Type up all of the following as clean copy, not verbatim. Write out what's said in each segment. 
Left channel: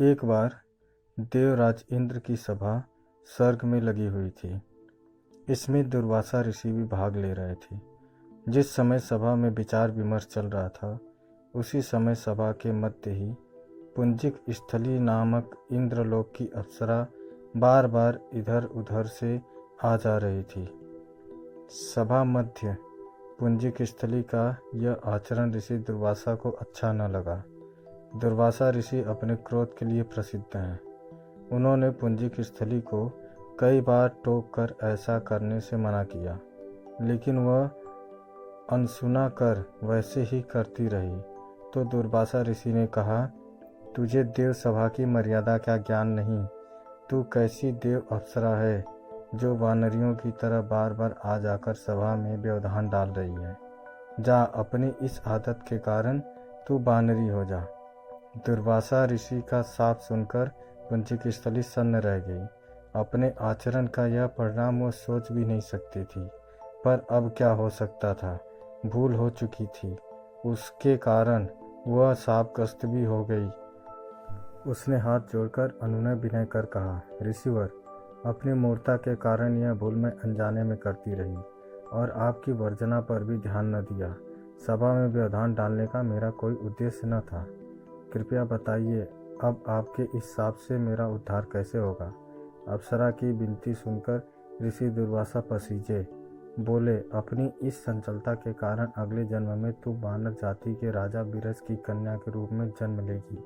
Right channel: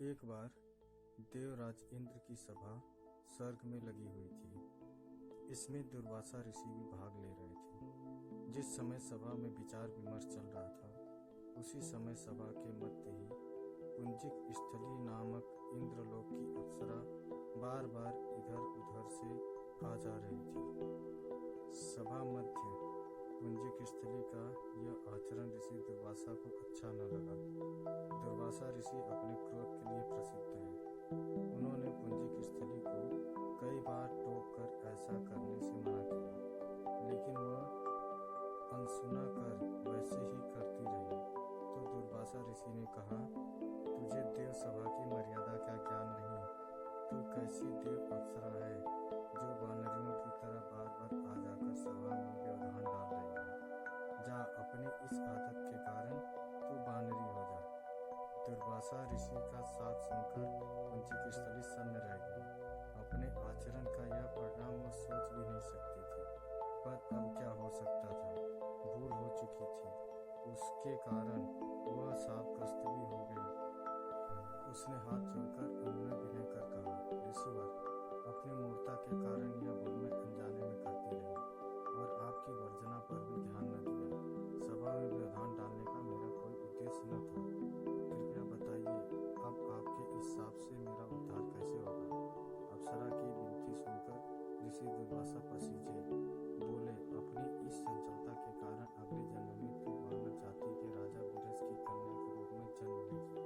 एक बार देवराज इंद्र की सभा स्वर्ग में लगी हुई थी। इसमें दुर्वासा ऋषि भी भाग ले रहे थे। जिस समय सभा में विचार विमर्श चल रहा था, उसी समय सभा के मध्य ही पुंजिक स्थली नामक इंद्रलोक की अप्सरा बार बार इधर उधर से आ जा रही थी। सभा मध्य पुंजिक स्थली का यह आचरण ऋषि दुर्वासा को अच्छा न लगा। दुर्वासा ऋषि अपने क्रोध के लिए प्रसिद्ध हैं। उन्होंने पुंजिक स्थली को कई बार टोक कर ऐसा करने से मना किया, लेकिन वह अनसुना कर वैसे ही करती रही। तो दुर्वासा ऋषि ने कहा, तुझे देव सभा की मर्यादा का ज्ञान नहीं। तू कैसी देव अप्सरा है जो वानरियों की तरह बार बार आ जाकर सभा में व्यवधान डाल रही है। जा, अपनी इस आदत के कारण तू वानरी हो जा। दुर्वासा ऋषि का साफ सुनकर पुंजिक स्थली सन्न रह गई। अपने आचरण का यह परिणाम वह सोच भी नहीं सकती थी, पर अब क्या हो सकता था। भूल हो चुकी थी, उसके कारण वह शापग्रस्त भी हो गई। उसने हाथ जोड़कर अनुनय विनय कर कहा, ऋषिवर, अपनी मूर्खता के कारण यह भूल मैं अनजाने में करती रही और आपकी वर्जना पर भी ध्यान न दिया। सभा में व्यवधान डालने का मेरा कोई उद्देश्य न था। कृपया बताइए, अब आपके इस शाप से मेरा उद्धार कैसे होगा। अप्सरा की विनती सुनकर ऋषि दुर्वासा पसीजे। बोले, अपनी इस चंचलता के कारण अगले जन्म में तू वानर जाति के राजा विरस की कन्या के रूप में जन्म लेगी।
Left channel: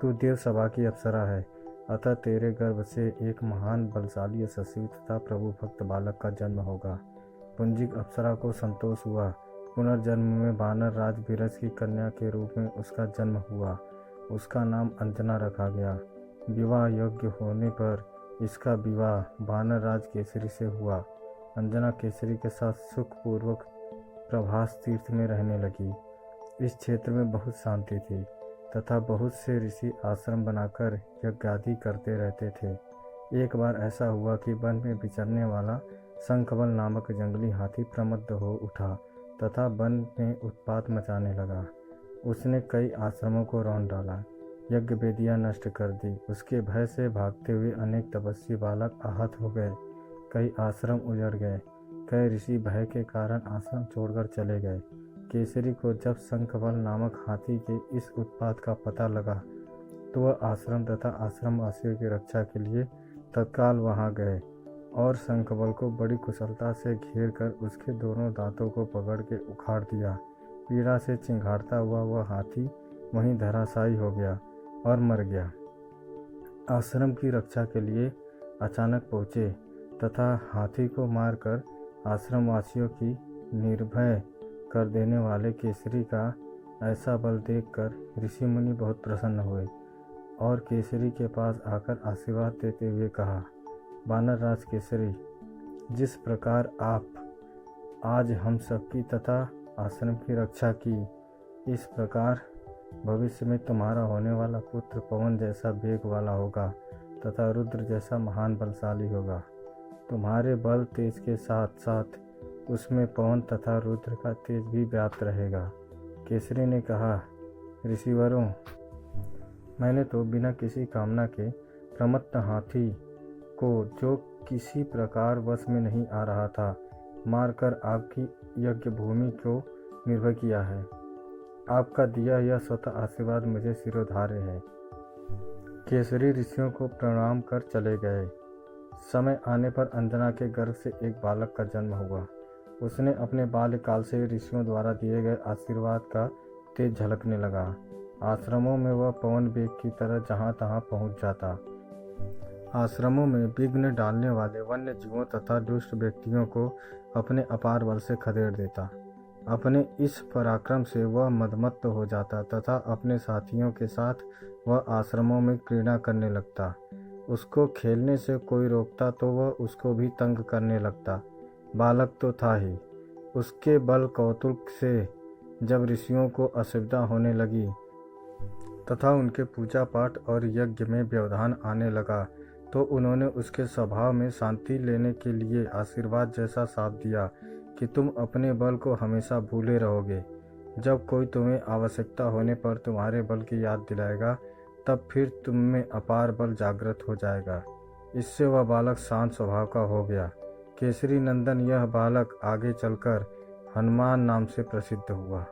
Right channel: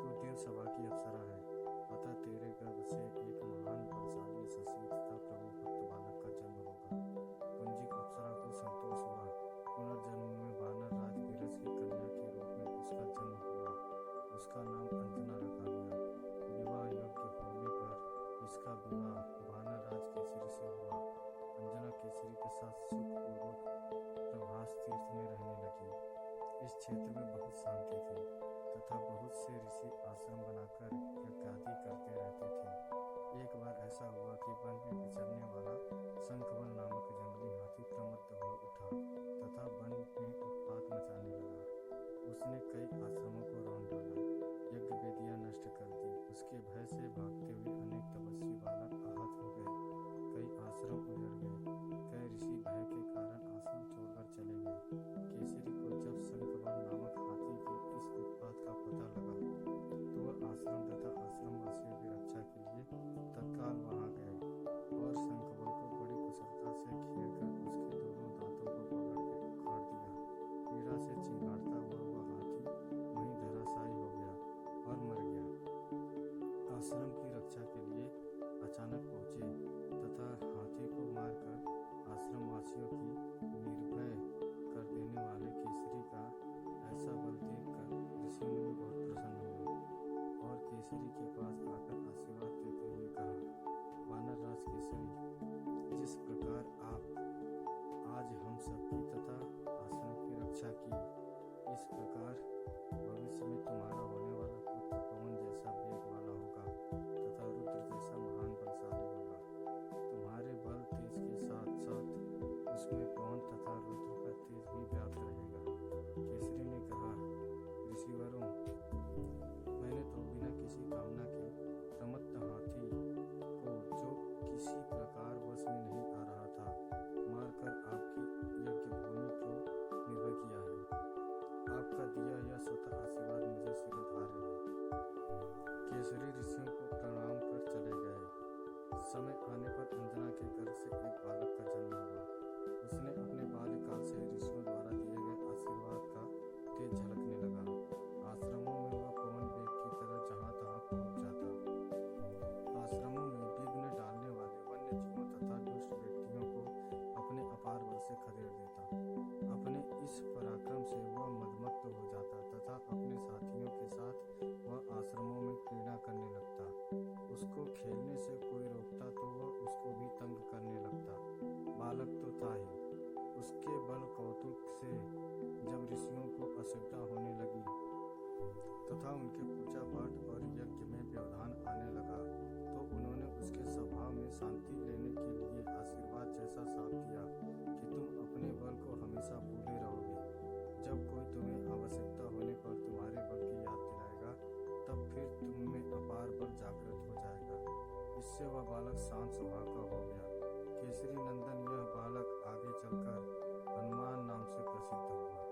तू देव सभा की अप्सरा है, अतः तेरे गर्भ से एक महान बलशाली यशस्वी तथा प्रभु भक्त बालक का जन्म होगा। पुंजिक अप्सरा को संतोष हुआ। पुनर्जन्म में वानर राज विरस की कन्या के रूप में उसका जन्म हुआ। उसका नाम अंजना रखा गया। विवाह योग्य होने पर इसका विवाह वानर राज केसरी से हुआ। अंजना केसरी के साथ सुखपूर्वक प्रभास तीर्थ में रहने लगी। इस क्षेत्र में बहुत शांति थी तथा बहुत से ऋषि आश्रम बनाकर यज्ञादि करते रहते थे। एक बार ऐसा हुआ कि वन में विचरने वाला शंखबल नामक जंगली हाथी प्रमत्त हो उठा तथा वन में उत्पात मचाने लगा। उसने कई आश्रमों को रौंद डाला, यज्ञ वेदियां नष्ट कर दी। उसके भय से भागते हुए अनेक तपस्वी बालक आहत हो गए। कई आश्रम उजड़ गए। कई ऋषि भय के कारण आश्रम छोड़कर चले गए। केसरी को जब शंखबल नामक हाथी के इस उत्पात का पता लगा, तो वह आश्रम तथा आश्रमवासियों की रक्षा के लिए तत्काल वहां गए और शंखबल को बड़ी कुशलता से घेर कर उसके दोनों दांतों को पकड़ के उखाड़ दिया। पीड़ा से चिंघाड़ता हुआ वह हाथी वहीं धराशायी हो गया और मर गया। आश्रम की रक्षा के लिए अचानक पहुँचे तथा हाथी को मारकर आश्रमवासियों की निर्भय कर देने वाले केसरी का ऐसा बल देखकर ऋषि मुनि बहुत प्रसन्न हुए और केसरी के पास आकर आशीर्वाद देते हुए कहा, वानर राज केसरी, जिस प्रकार आप आज हम सबकी तथा आश्रम की रक्षा की, इस प्रकार भविष्य में तुम्हारा होने वाला पुत्र पवन जैसा वेग वाला होगा तथा रुद्र जैसा महान बलशाली होगा। तुम्हारे बल तेज के साथ साथ उसमें पवन तथा रुद्र का तेज भी व्याप्त रहेगा। केसरी ने कहा, ऋषिवरों, मैंने तो बिना किसी कामना के प्रमत्त हाथी को, जो किसी प्रकार वश में नहीं आ रहा था, मारकर आपकी यज्ञ भूमि को निर्भय किया है। आपका दिया यह स्वतः आशीर्वाद मुझे सिरोधार्य है। केसरी ऋषियों को प्रणाम कर चले गए। समय आने पर अंजना के गर्भ से एक बालक का जन्म हुआ। उसने अपने बाल्यकाल से ऋषियों द्वारा दिए गए आशीर्वाद का तेज झलकने लगा। आश्रमों में वह पवन वेग की तरह जहाँ तहाँ पहुँच जाता। आश्रमों में विघ्न डालने वाले वन्य जीवों तथा दुष्ट व्यक्तियों को अपने अपार बल से खदेड़ देता। अपने इस पराक्रम से वह मदमत्त हो जाता तथा अपने साथियों के साथ वह आश्रमों में क्रीड़ा करने लगता। उसको खेलने से कोई रोकता तो वह उसको भी तंग करने लगता। बालक तो था ही, उसके बल कौतुक से जब ऋषियों को असुविधा होने लगी तथा उनके पूजा पाठ और यज्ञ में व्यवधान आने लगा, तो उन्होंने उसके स्वभाव में शांति लेने के लिए आशीर्वाद जैसा साथ दिया कि तुम अपने बल को हमेशा भूले रहोगे। जब कोई तुम्हें आवश्यकता होने पर तुम्हारे बल की याद दिलाएगा, तब फिर तुम में अपार बल जागृत हो जाएगा। इससे वह बालक शांत स्वभाव का हो गया। केसरी नंदन यह बालक आगे चलकर हनुमान नाम से प्रसिद्ध हुआ।